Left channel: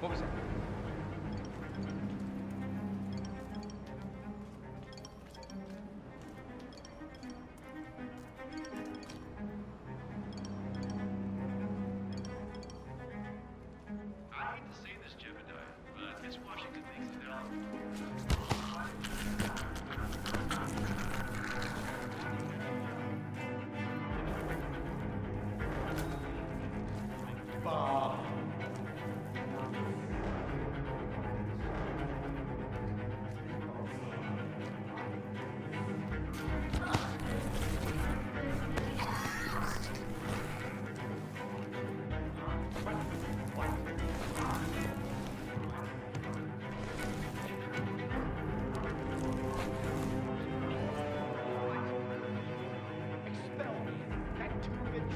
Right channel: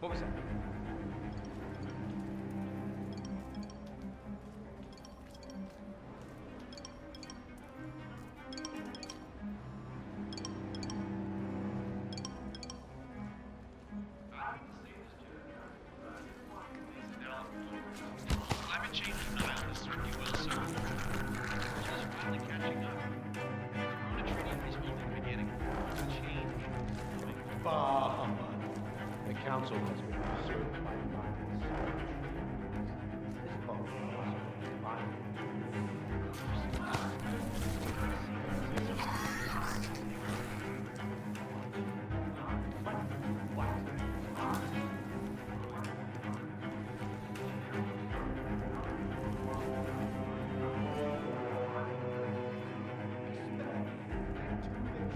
What was that? I hate to say this, Jebediah, but Miss Washington thinks that I've been changing the balance really well, so I'm finally catching up. The trigger was what we've been getting. Change. Bah! The council has been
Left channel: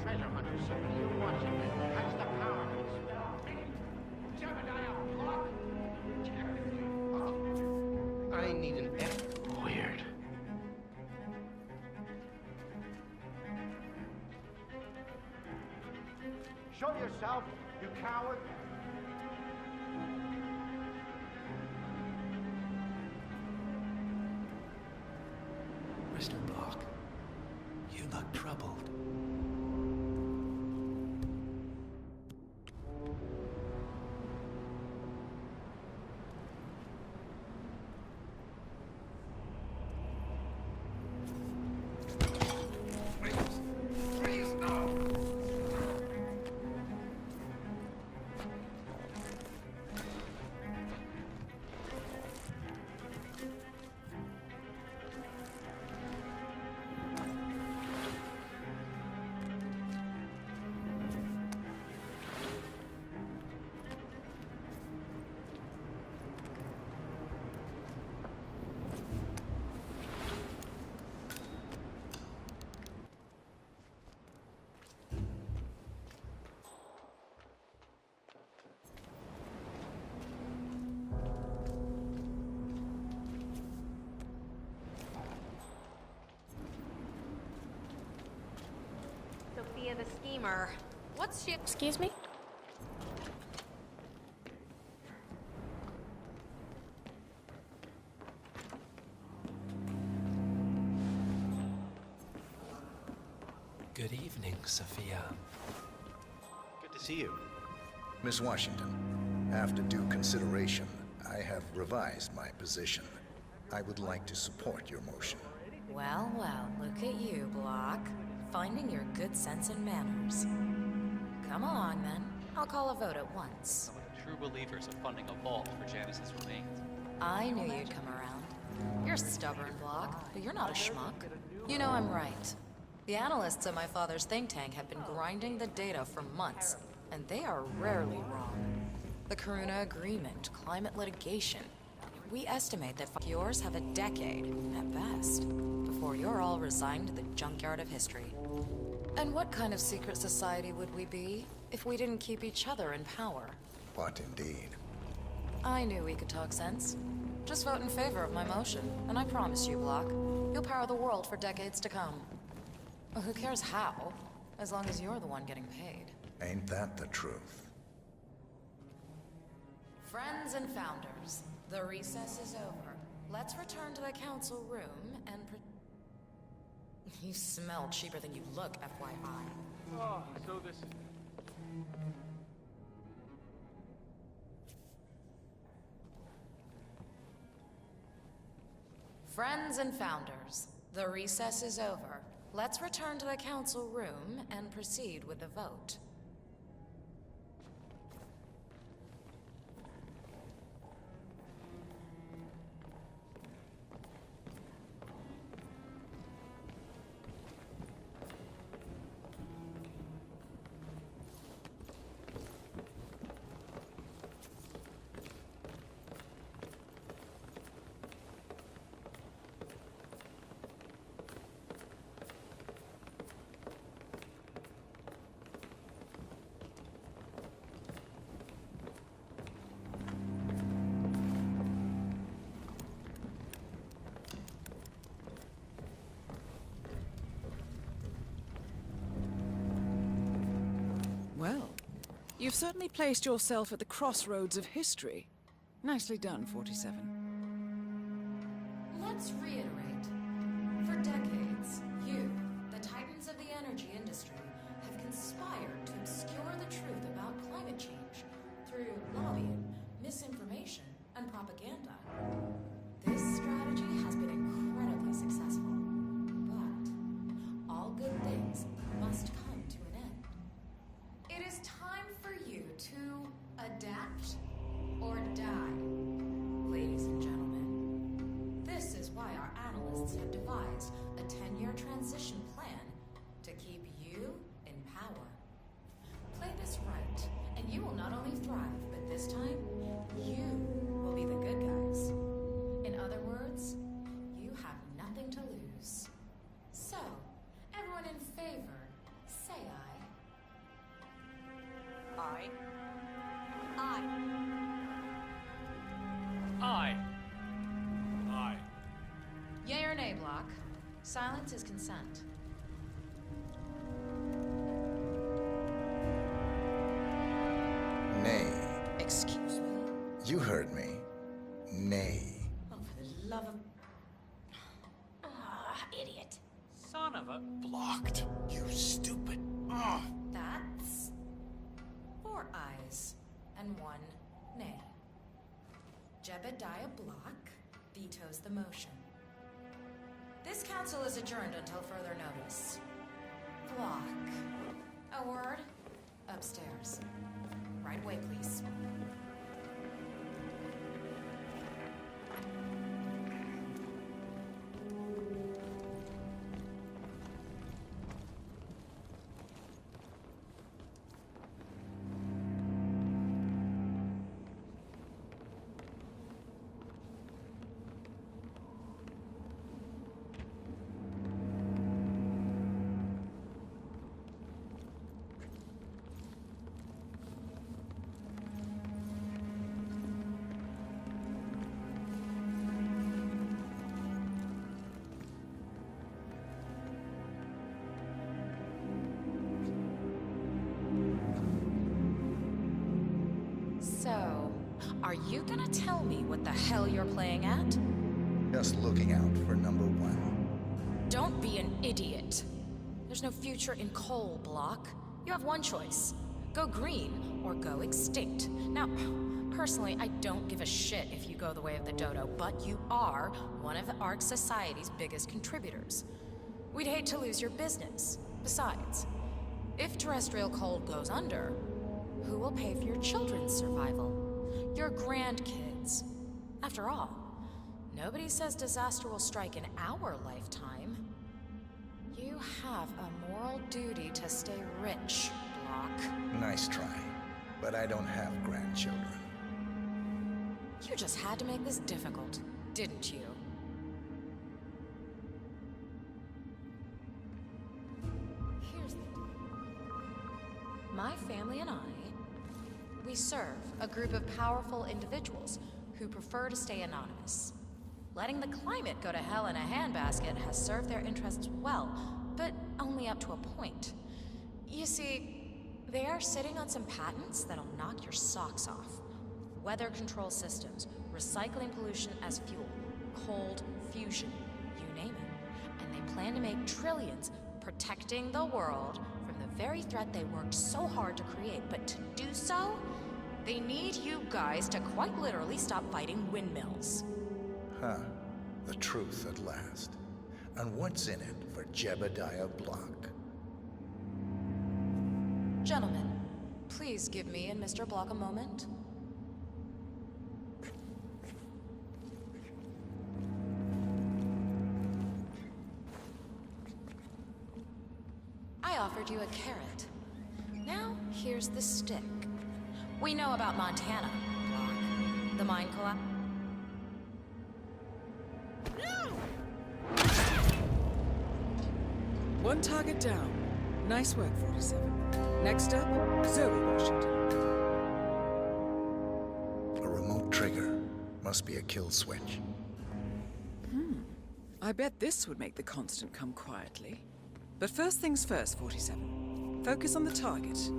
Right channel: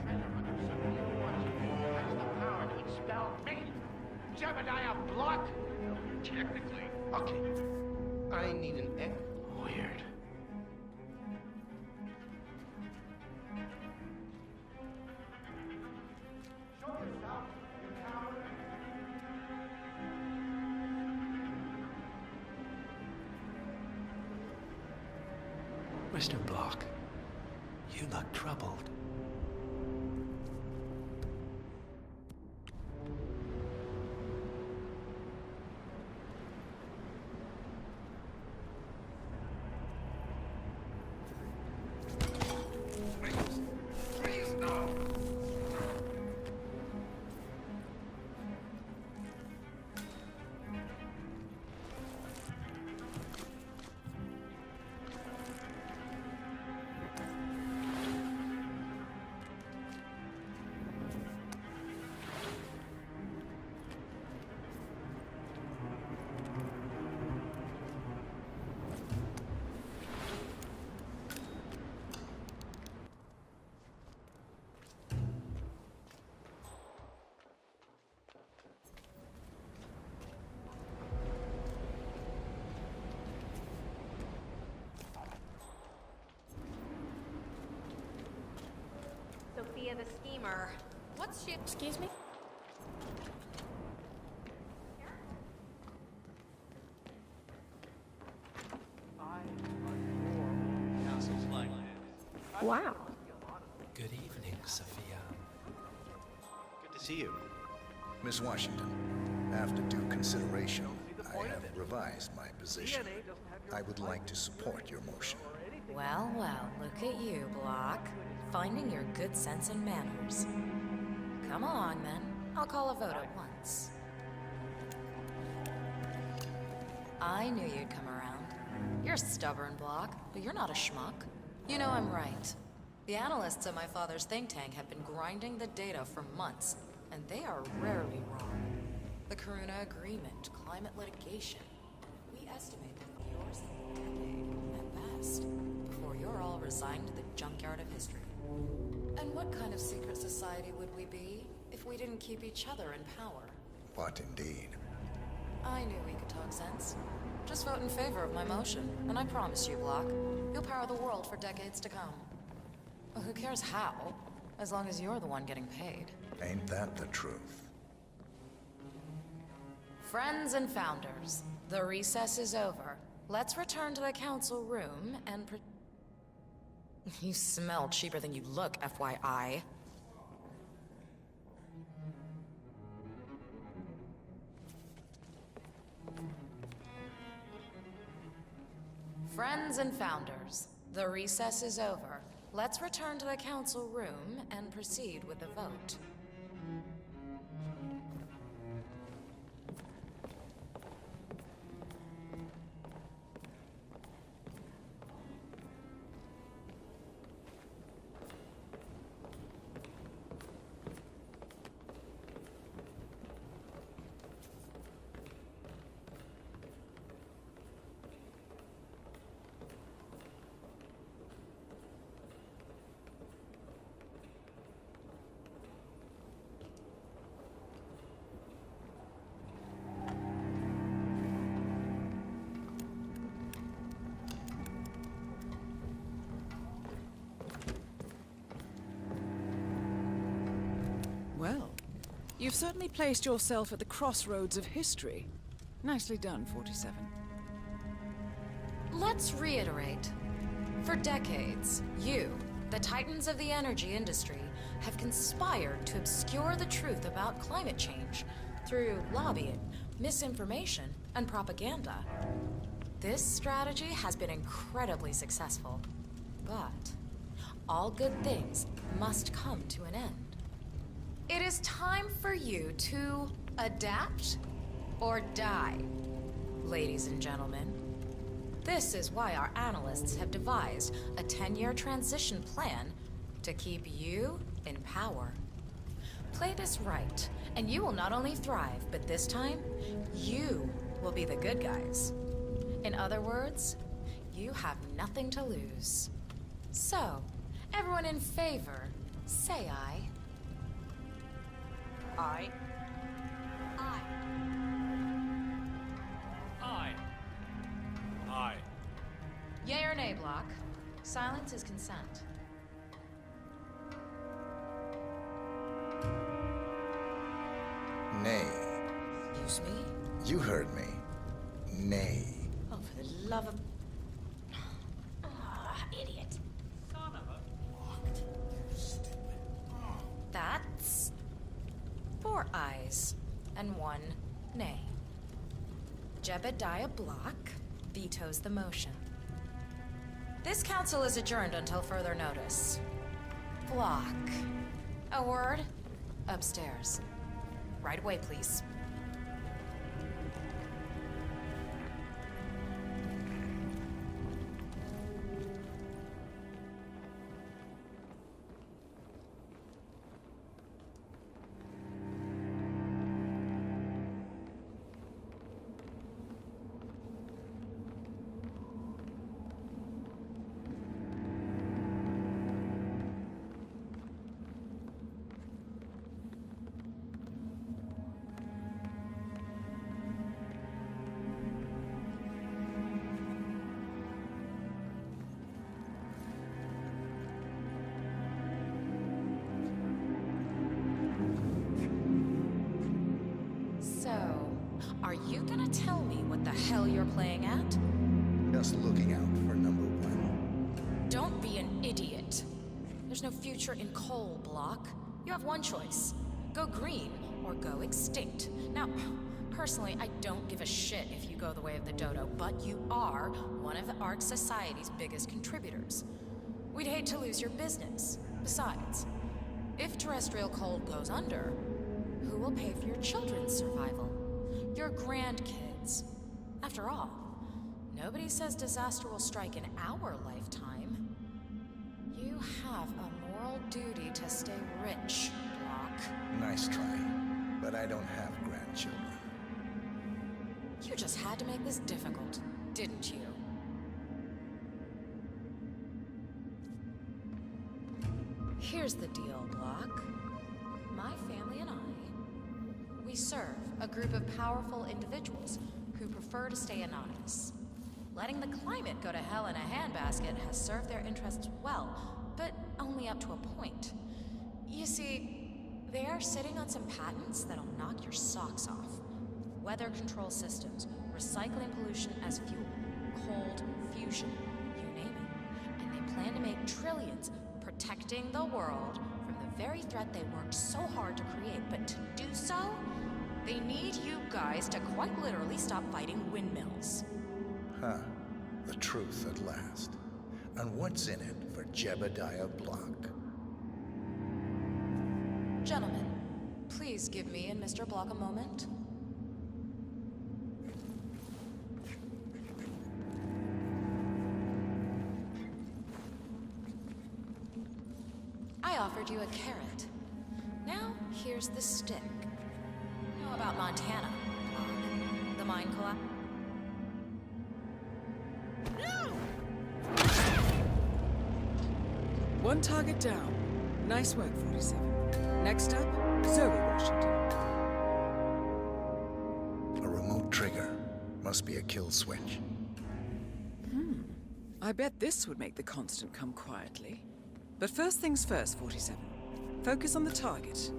treasure hunter Sophia Washington has the power to expel me, Jebediah Block. Technically. Okay, I need an Weird. Show yourself, you coward. Mr. Block, you look troubled. Sophia the schemer. What's she— Excuse me? Wow. Good evening, Sophia. Good to see you. Miss Washington, after due consideration, I have revised my position. I would like to support your motion. Well, well, look at you, Block. Finding your good sense and manners. Come along, then. I'll call a vote at once. True believers of funding a ball for Janice's remains. I knew you'd come around. You're stubborn, Block, but you're not a schmuck. You know I'm right. The analysts at my father's think tank have been grinding the data for months, and they are rarely wrong. The Karuna Agreement, climate litigation. We estimate that yours have a decade, at best, before you're all resigned to the junkyard of history. And what kind of secret society would we be if we didn't keep each other in power? What indeed? I knew we could talk sense. Just vote in favor of my motion, and I promise you, Block, you'll power the world for decades to come. Well, who cares how, as long as you're the one getting paid. Ain't that the truth? Friends and founders, the recess is over. Let's return to the council room and You smell cheaper than you look, FYI. Oh, so this... Friends and founders, the recess is over. Let's return to the council room and proceed with the vote. You've certainly placed yourself at the crossroads of history. Nicely done, 47. Let's reiterate. For decades, you, the titans of the energy industry, have conspired to obscure the truth about climate change through lobbying, misinformation, and propaganda. This strategy has been incredibly successful, but all good things must come to an end. It is time for you to adapt or die, ladies and gentlemen. This is why our analysts have devised a 10-year transition plan to keep you in power. Play this right, and you will not only thrive, but this time, you will be the good guys. In other words, you have nothing to lose. So, everyone in favor, say aye. Aye. Aye. Aye. Aye. Yay or nay, Block? Silence is consent. Nay. Excuse me? You heard me. Nay. Oh, for the love of... Idiot. Son of a... Blocked, you stupid. That's... 4 ayes and 1 nay. Jebediah Block vetoes the motion. This council is adjourned until further notice. Block. A word? Upstairs. Right away, please. So, are you gonna tell me what the hell you're playing at? Just looking out for number 1. Don't be an idiot. There's no future in coal, Block. You have one choice. Go green or go extinct. Now, personally, I don't give a shit if you go the way of the dodo, but you are one of the Ark Society's biggest contributors. We'd hate to lose your business. Besides, if terrestrial coal goes under, who will pay for your children's survival? Your grandkids. After all, nobody says disaster will strike in our lifetime. You have a moral duty to stay rich, Block. Nice try. But I don't have grandchildren. You just had to make this difficult, didn't you? Here's the deal, Block. My family and I, we serve a group of powerful individuals who prefer to stay anonymous. Letting the climate go to hell in a handbasket has served their interests well, but only up to a point. You see, they are sitting on some patents that'll knock your socks off. Weather control systems, recycling pollution as fuel, cold fusion, you name it. And they plan to make trillions protecting the world from the very threat they worked so hard to create. But to do so, they need you guys to quite literally stop fighting windmills. Huh. The truth at last. And what's in it for Jebediah Block? Gentlemen, please give me and Mr. Block a moment. I offered you a carrot. Now, here's the stick. We know about Montana, Block. The mine collapse. One target down. Nice work, 47. Next up, Zoe Washington. A remote trigger. Must be a kill switch. I bet this would make the constant come quietly. But first things first, 47. Focus on the target.